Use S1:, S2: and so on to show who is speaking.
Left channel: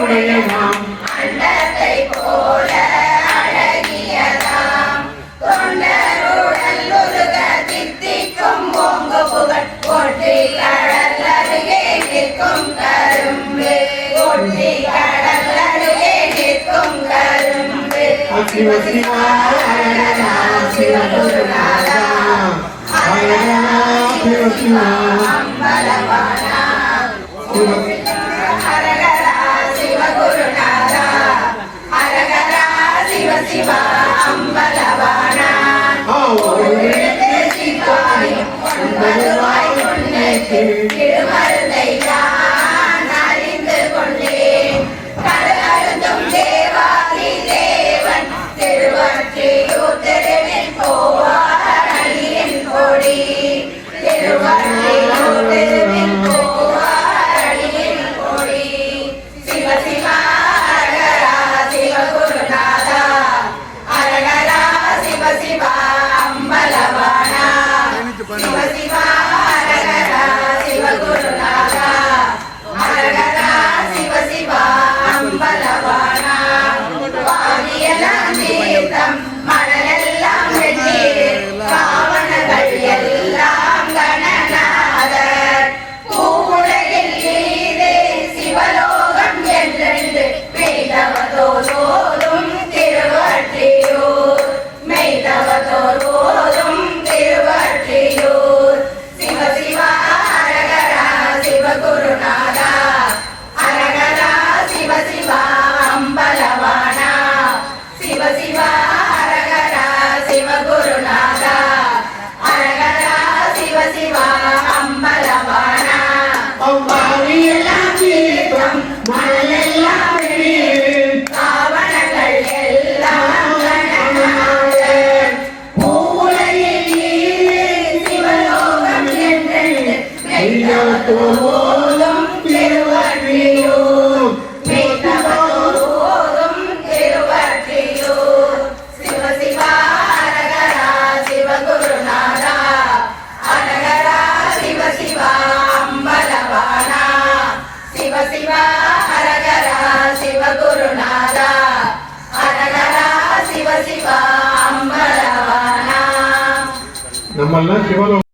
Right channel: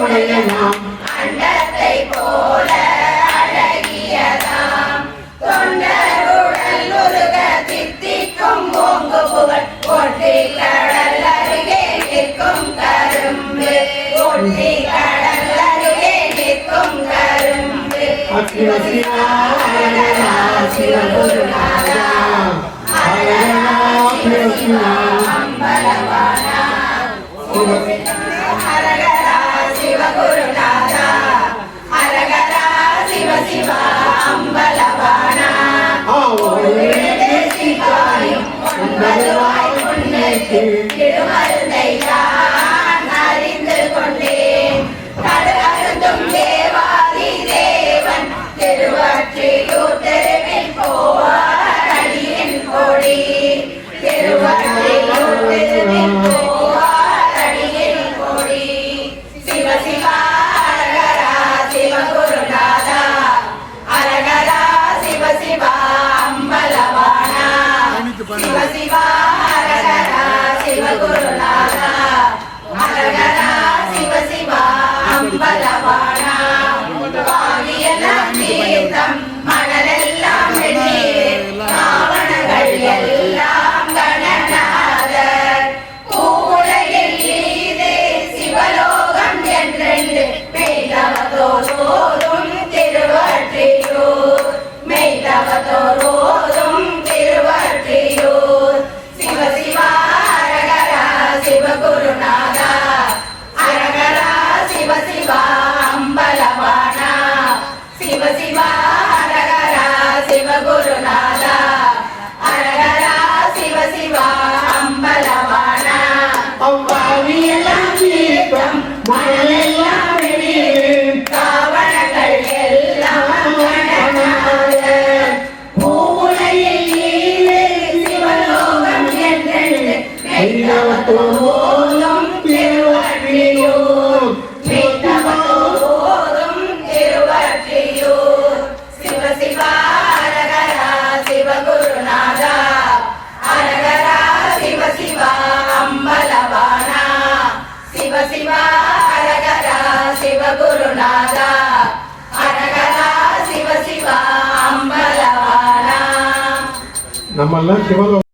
S1: உடையதாம் அண்டத்தை போல அழகியதாம் தொண்டருடன் உருக தித்திக்கும் ஓங்கு அம்பலவானா சிவாயும் உன்னதுவாய் உன்னேற்று
S2: சிவ சிவ அம்பலவானா நம்மெல்லாம் சிவலோகம்